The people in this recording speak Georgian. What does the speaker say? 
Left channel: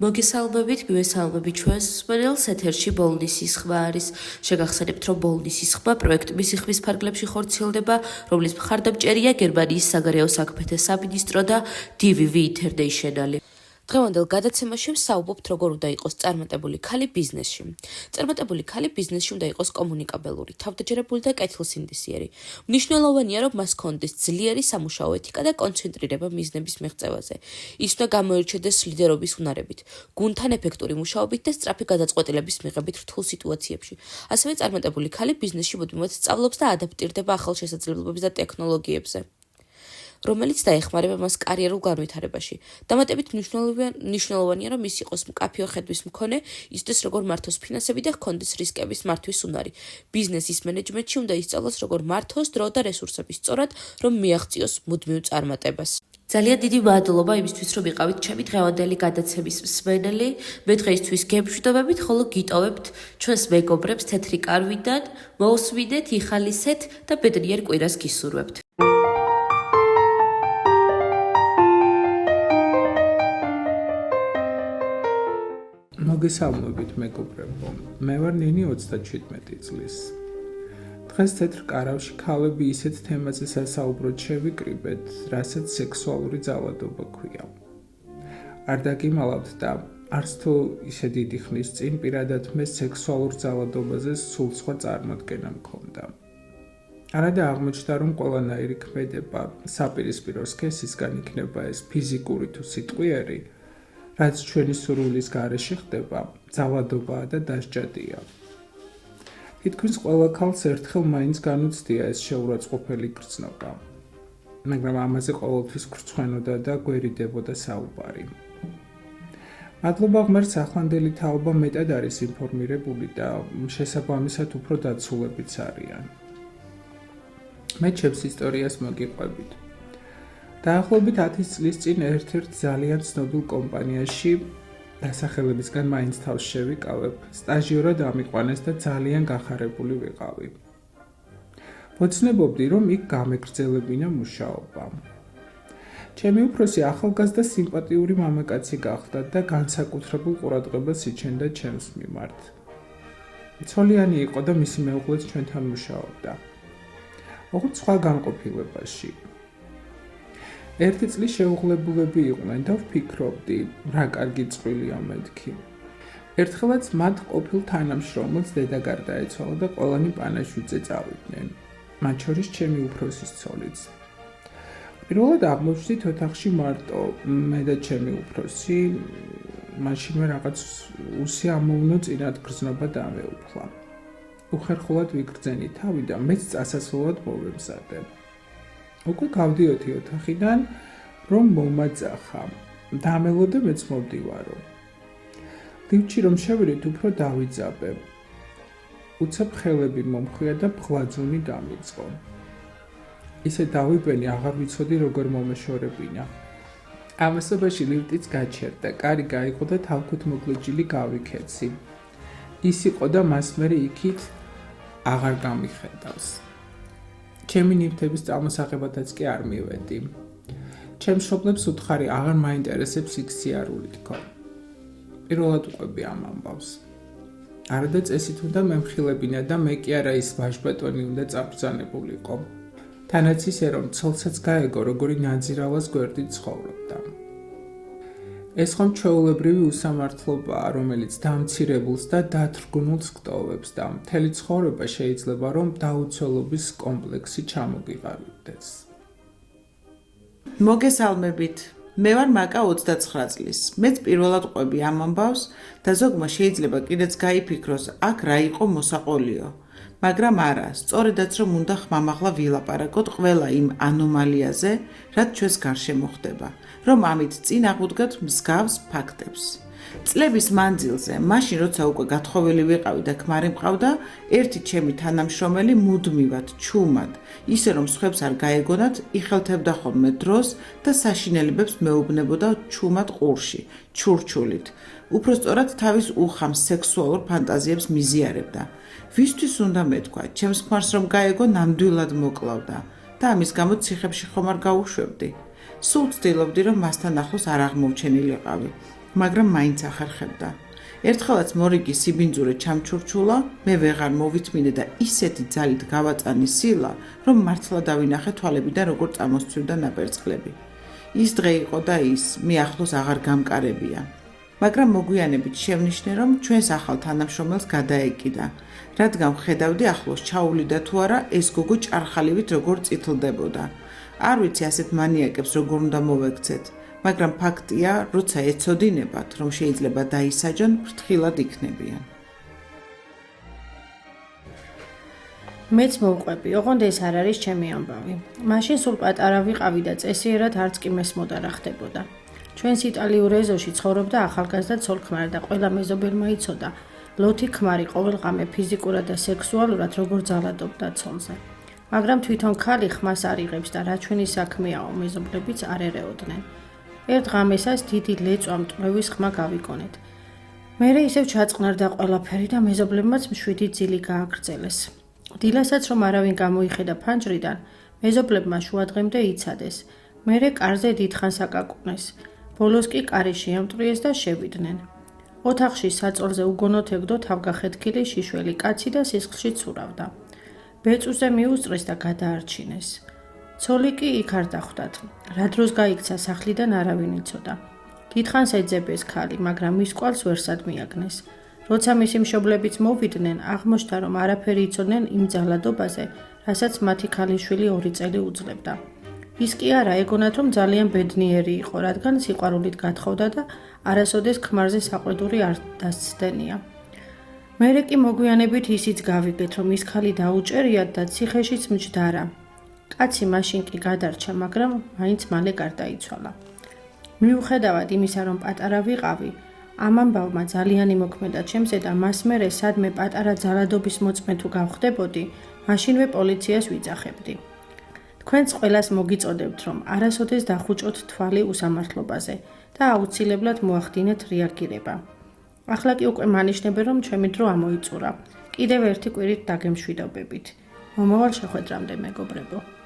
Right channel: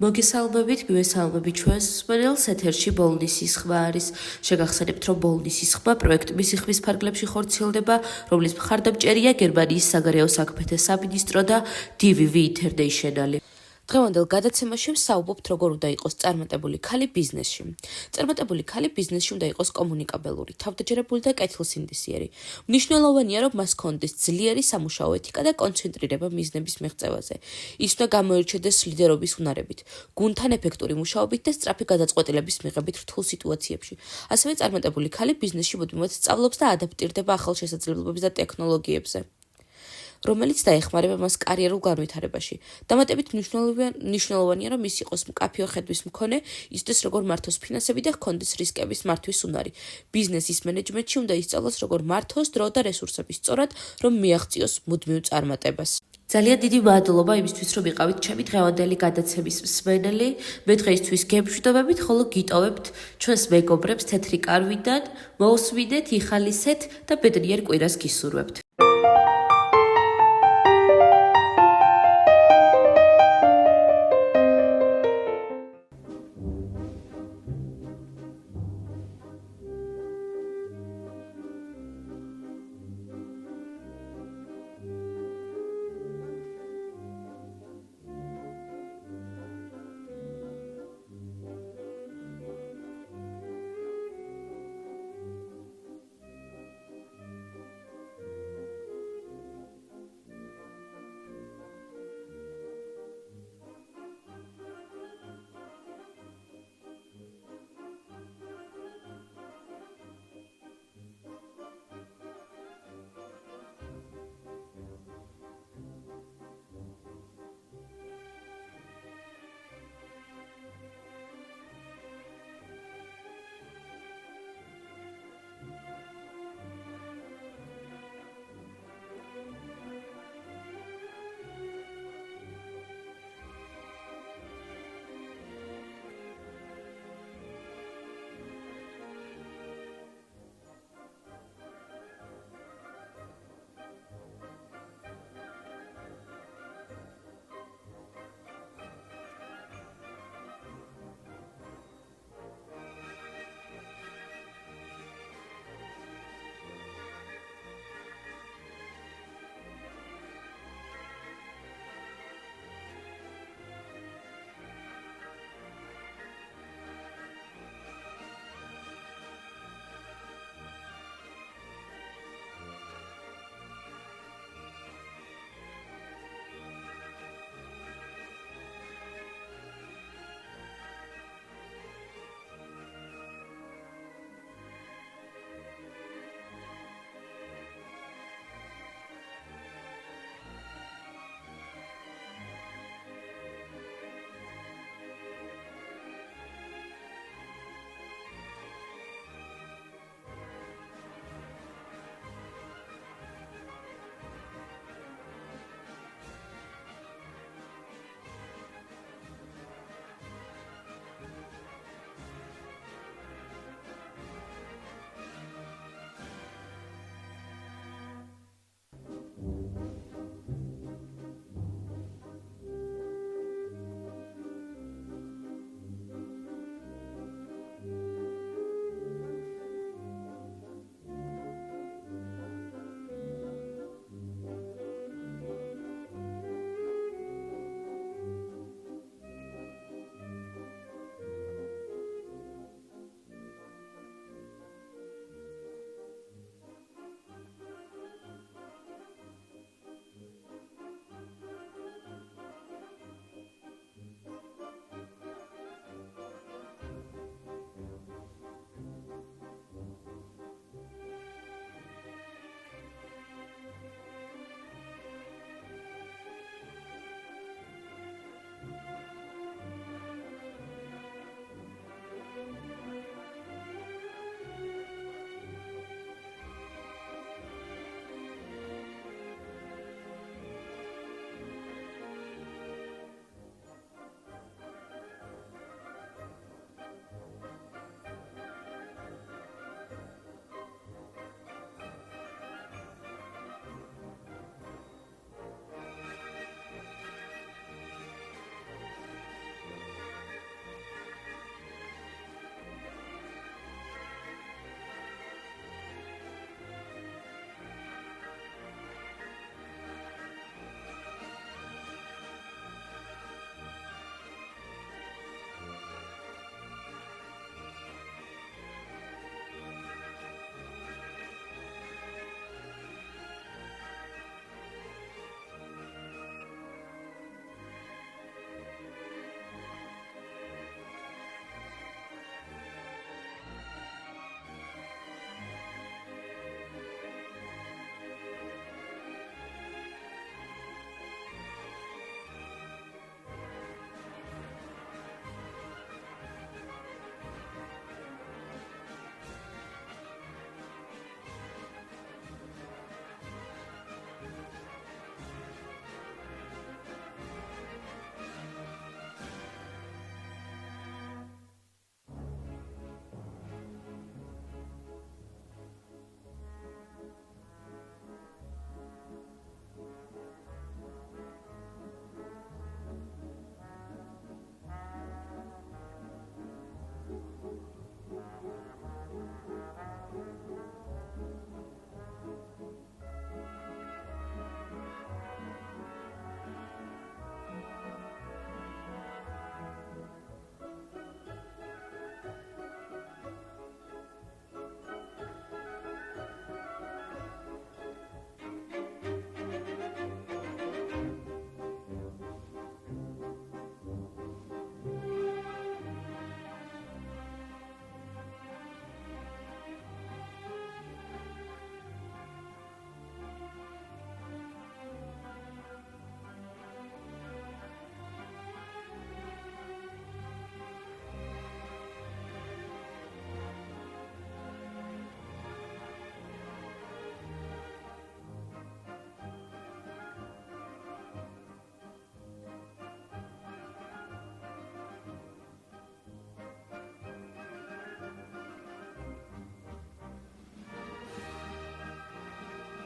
მოგესალმებით, მივესალმებით ჩვენს მსმენელს, ეთერში ბოლნისის ხმა არის. შეგახსენებთ, რომ ბოლნისის ხმა პროექტ მისიხმის ფარგლებში ხორციელდება, რომლის მხარდამჭერია გერმანიის საგარეო საქმეთა სამინისტრო და DVV International. დღევანდელ გადაცემაში ვსაუბრობთ, როგორ უნდა იყოს წარმატებული ქალი ბიზნესში. წარმატებული ქალი ბიზნესში უნდა იყოს კომუნიკაბელური, თავდაჯერებული და კეთილსინდისიერი. მნიშვნელოვანია, რომ მას ჰქონდეს ძლიერი სამუშაო ეთიკა და კონცენტრირება მიზნების მიღწევაზე. ის უნდა გამოირჩევდეს ლიდერობის უნარებით, გუნდთან ეფექტური მუშაობით და სწრაფი გადაწყვეტილების მიღებით რთულ სიტუაციებში. ასევე წარმატებული ქალი ბიზნესში მუდმივად სწავლობს და ადაპტირდება ახალ შესაძლებლობებს და ტექნოლოგიებზე, რომელიც დაეხმარება მას კარიერულ განვითარებაში. დამატებით მნიშვნელოვანია, რომ ის იყოს მკაფიო ხედვის მქონე, იცოდეს როგორ მართოს ფინანსები და ჰქონდეს რისკების მართვის უნარი. ბიზნესის მენეჯმენტში უნდა ისწავლოს როგორ მართოს დრო და რესურსები სწორად, რომ მიაღწიოს მუდმივ წარმატებას. ძალიან დიდი მადლობა იმისთვის, რომ იყავით ჩემი დღევანდელი გადაცემის მსმენელი. მე დღეისთვის გემშვიდობებით, ხოლო გიტოვებთ ჩვენს მეგობრებს თეთრი კარვიდან, მოусვიდეთ, იხალისეთ და ბედნიერ კვირას გისურვებთ. მოგესალმებით მეგობრებო, მე ვარ ნინი 37 წლის. დღეს თეთრ კარავში ქალები ისეთ თემაზე სასაუბროდ შევიკრიბეთ, რასაც სექსუალური ძალადობა ქვია. არ დაგიმალავთ და არც თუ ისე დიდი ხნის წინ პირადად მე სექსუალურ ძალადობაზე სულ სხვა წარმოდგენა მქონდა. არადა აღმოჩნდა, რომ ყველანაირი ქმედება საპირისპირო სქესისგან იქნება ეს ფიზიკური თუ სიტყვიერი, რაც ჩვენი სურვილის გარეშე ხდება, ძალადობაა და დასჯადია. თითქმის ყველა ქალს ერთხელ მაინც განუცდია ეს შეურაცხყოფელი გრძნობა, მაგრამ ამაზე ყოველთვის გრცხვენოდა და გვერიდებოდა საუბარი. მადლობა ღმერთს, ახლანდელი თაობა მეტად არის ინფორმირებული და შესაბამისად უფრო დაცულებიც არიან. მე ჩემს ისტორიას მოგიყვებით. დაახლოებით 10 წლის წინ ერთ-ერთ ძალიან ცნობილ კომპანიაში დასახელებისგან მაინც თავს შევიკავებ, სტაჟიორად ამიყვანეს და ძალიან გახარებული ვიყავი. ვოცნებობდი, რომ იქ გამეგრძელებინა მუშაობა. ჩემი უფროსი ახალგაზრდა სიმპათიური მამაკაცი გახდა და განსაკუთრებულ ყურადღებას იჩენდა ჩემს მიმართ. ცოლიანი იყო და მისი მეუღლეც ჩვენთან მუშაობდა. ოღონდ სხვა განყოფილებაში. ერთი წლის შეუღლებულები იყვნენ და ვფიქრობდი, რა კარგი წყვილია მეთქი. ერთხელაც მათ ყოფილ თანამშრომელს დედა გარდაეცვალა და ყველანი პანაშვიდზე წავიდნენ, მათ შორის ჩემი უფროსის ცოლიც. პირველად აღმოჩნდით ოთახში მარტო მე და ჩემი უფროსი, მაშინვე რაღაც უსიამოვნო წინათ გრძნობა დამეუფლა. უხერხულად ვიგრძენი თავი და მეც წასასვლელად მოვემზადე. უკვე გავდიოდი ოთახიდან, რომ მომაძახა. დამელო და მეც მოვდივარო. ლიფტში რომ შევიდეთ, უფრო დავიძაბე. უცებ ხელები მომხვია და ბღლაძუნი დამიწყო. ისე დავიბენი, აღარ ვიცოდი როგორ მომეშორებინა. ამასობაში ლიფტიც გაჩერდა, კარი გაიღო და თავთვით მოკლეჯილი გავიქეცი. ის იყო და მას მერე იქით აღარ გამიხედავს. ჩემი ნივთების წარმოსაღებადაც კი არ მივედი. ჩემს მშობლებს უთხარი აღარ მაინტერესებს იქ სიარული თქო. პირველად უყვები ამ ამბავს. არადა წესით უნდა მემხილებინა და მე კი არა ის ვაჟბატონი უნდა წაბრძანებულიყო. თანაც ისე რომ ცოლსაც გაეგო, როგორი ნაძირავას გვერდით ცხოვრობდა. ეს ხომ ჩვეულებრივი უსამართლობაა, რომელიც დამცირებულს და დათრგუნულს გტოვებს და მთელი ცხოვრება შეიძლება რომ დაუცველობის კომპლექსი ჩამოგიყალიბდეს. მოგესალმებით. მე ვარ მაკა 29 წლის. მეც პირველად ყვები ამ ამბავს და ზოგმა შეიძლება კიდეც გაიფიქროს, აქ რა იყო მოსაყოლიო. მაგრამ არა, სწორედაც რომ უნდა ხმამაღლა ვილაპარაკოთ ყველა იმ ანომალიაზე, რაც ჩვენს გარშემო ხდება, რომ ამით წინ აღვდგათ მსგავს ფაქტებს. წლების მანძილზე, მაშინ როცა უკვე გათხოვილი ვიყავი და ქმარი მყავდა, ერთი ჩემი თანამშრომელი მუდმივად, ჩუმად, ისე რომ სხვებს არ გაეგონათ, იხელთებდა ხოლმე დროს და საშინელებებს მეუბნებოდა ჩუმად ყურში, ჩურჩულით. უფრო სწორად თავის უხამ სექსუალურ ფანტაზიებს მიზიარებდა. ვისთვის უნდა მეთქვა, ჩემს ქმარს რომ გაეგო, ნამდვილად მოკლავდა და ამის გამო ციხებში ხომ არ გავუშვებდი. სულ ვცდილობდი, რომ მასთან ახლოს არ აღმოვჩენილიყავი. მაგრამ მაინც ახერხებდა. ერთხელაც მორიგი სიბინძურე ჩამჩურჩულა, მე ვეღარ მოვithმინე და ისეთი ძალით გავაწანი სილა, რომ მართლა დავინახე თვალებიდან როგორ წამოსცვივდა ნაპერწკლები. ის დღე იყო და ის, მე ახლოს აღარ გამკარებია. მაგრამ მოგვიანებით შევნიშნე, რომ ჩვენს ახალ თანამშრომელს გადაეკიდა, რადგან ხედავდი ახლოს ჩაუვლიდა თუ არა ეს გოგო ჭარხალივით როგორ წითლდებოდა. არ ვიცი ასეთ მანიაკებს როგორ უნდა მოვექცეთ, მაგრამ ფაქტია, როცა ეცოდინებათ, რომ შეიძლება დაისაჯონ, ფრთხილად იქნებიან. მეც მოვყვები, ოღონდ ეს არ არის ჩემი ამბავი. მაშინ სულ პატარა ვიყავი და წესიერად არც კი მესმოდა რა ხდებოდა. ჩვენს იტალიურ ეზოში ცხოვრობდა ახალგაზრდა ცოლ-ქმარი და ყველა მეზობელმა იცოდა, ლოთი ქმარი ყოველღამე ფიზიკურად და სექსუალურად როგორ ძალადობდა ცოლზე. მაგრამ თვითონ ქალი ხმას არ იღებს და რა ჩვენი საქმეაო, მეზობლებიც არ ერეოდნენ. ერთ ღამესას დიდი ლეწვა მტვევის ხმა გავიგონეთ. მერე ისევ ჩაწყნარდა ყველაფერი და მეზობლებმაც მშვიდი ძილი გააგრძელეს. დილასაც რომ არავინ გამოიხედა ფანჯრიდან, მეზობლებმა შუადღემდე იცადეს. მერე კარზე დიდხანს აკაკუნეს. ბოლოს კი კარი შეამტვრიეს და შევიდნენ. ოთახში საწოლზე უგონოდ ეგდო თავგახეთქილი შიშველი კაცი და სისხლში ცურავდა. ბეწვზე მიუსწრეს და გადაარჩინეს. ცოლი კი იქ არ დახვდათ. რა დროს გაიქცა სახლიდან არავინ იცოდა. დიდხანს ეძებეს ქალი, მაგრამ მის კვალს ვერსად მიაგნეს. როცა მისი მშობლებიც მოვიდნენ, აღმოჩნდა, რომ არაფერი იცოდნენ იმ ძალადობაზე, რასაც მათი ქალიშვილი 2 წელი უძლებდა. ის კი არა, ეგონათ, რომ ძალიან ბედნიერი იყო, რადგან სიყვარულით გათხოვდა და არასოდეს ქმარზე საყვედური არ დასცდენია. მერე კი მოგვიანებით ისიც გავიგეთ, რომ ის ქალი დაუჭერიათ და ციხეშიც მჯდარა. კაცი მაშინ კი გადარჩა, მაგრამ მაინც მალე გარდაიცვალა. მიუხედავად იმისა, რომ პატარა ვიყავი, ამ ამბავმა ძალიან იმოქმედა ჩემზე და მას მერე სადმე პატარა ძალადობის მოწმე თუ გავხდებოდი, მაშინვე პოლიციას ვიძახებდი. თქვენს ყველას მოგიწოდებთ, რომ არასოდეს დახუჭოთ თვალი უსამართლობაზე და აუცილებლად მოახდინეთ რეაგირება. ახლა კი უკვე მანიშნებენ, რომ ჩემი დრო ამოიწურა. კიდევ ერთი კვირით დაგემშვიდობებით. მომავალ შეხვედრამდე, მეგობრებო.